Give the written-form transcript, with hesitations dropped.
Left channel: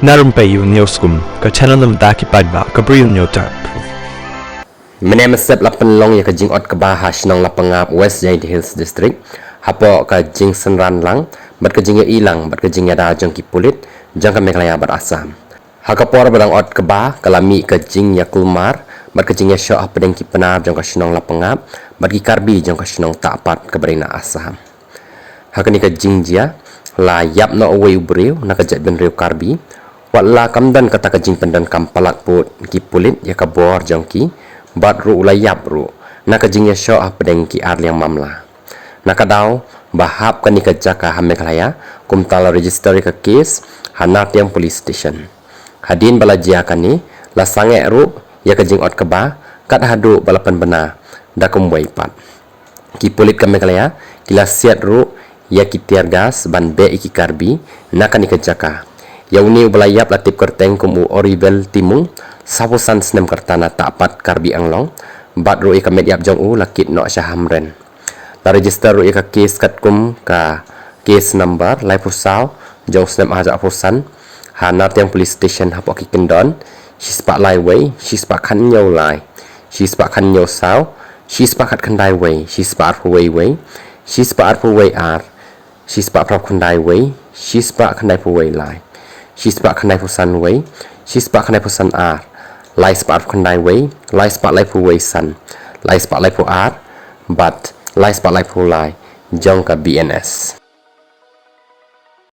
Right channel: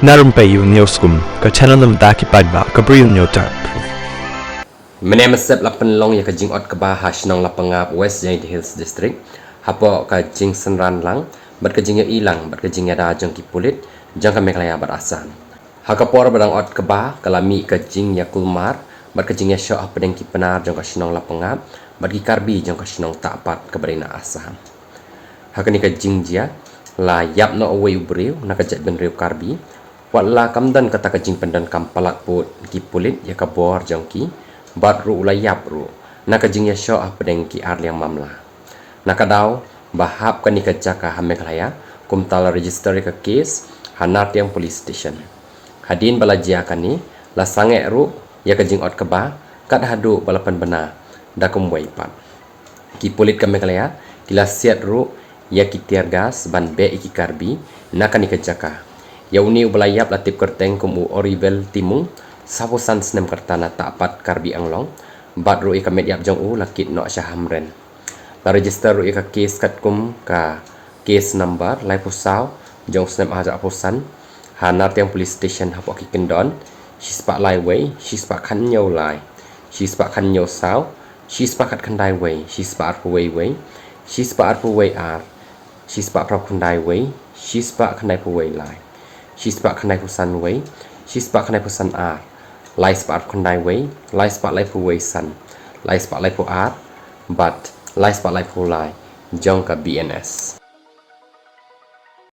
Na Rympei U Hynñiewtrep, channel nabynta paidbah, Bri U Hynñiewtrep. Mynne mesep lapan ya ka jing ot ka bahas nang Lapangap West Jade Hills District. Hapo ka jing senran lang, bat ka jing ilang, bat ka jing ada jong ki pulit, jang ka meklaya bat asam. Ha kapor badang ot ka bah, kalami ka jing ya kulmar, bat ka jing ya syok pedeng ki Pnar jong ka sinong Lapangap, bat ki Karbi jong ka sinong tapat ka berina asam. Ha ka ni ka jing dia, la yap na uwei Bri U na ka jet ben riu Karbi. Wala kamdan kata ka jing pendan kampalat put ki pulit ya ka bor jong ki, bat ru ulayap ru na ka jing ya syok pedeng ki ar yang mamla. Nakadaw bahap ka ni ka jaka hameklaya kumtala register ka case hanat yang police station. Hadin bala jia ka ni la sange ru ya ka jing ot ka ba kat hadu balapan bena da kumwai pat. Ki pulit ka meklaya kila siat ru ya ki tiar gas ban be iki Karbi na ka ni ka jaka. Yang ni ubalayap latip kyrteng kumu oribel timung sapusan senem kertana tapat Karbi anglong bat ru ika mediap jong u lakit no syahamren. La register ru ika case kat kum ka case number lai pusau jong senem aja pusan hanat yang police station hapok ki kendon shispak lai wei shispak kan nyau lai shispak kan nyau sau shispak kat kendai wei shispak wei wei shispak wei ar shispak prop kendai wei shispak kendai wei lai shispak kendai pusan wei shispak kendai pusan ar lai spak kendai wei lai spak lai pu wei san lai spak lai pu ar bat lai spak lai pu lai jong ka BNS.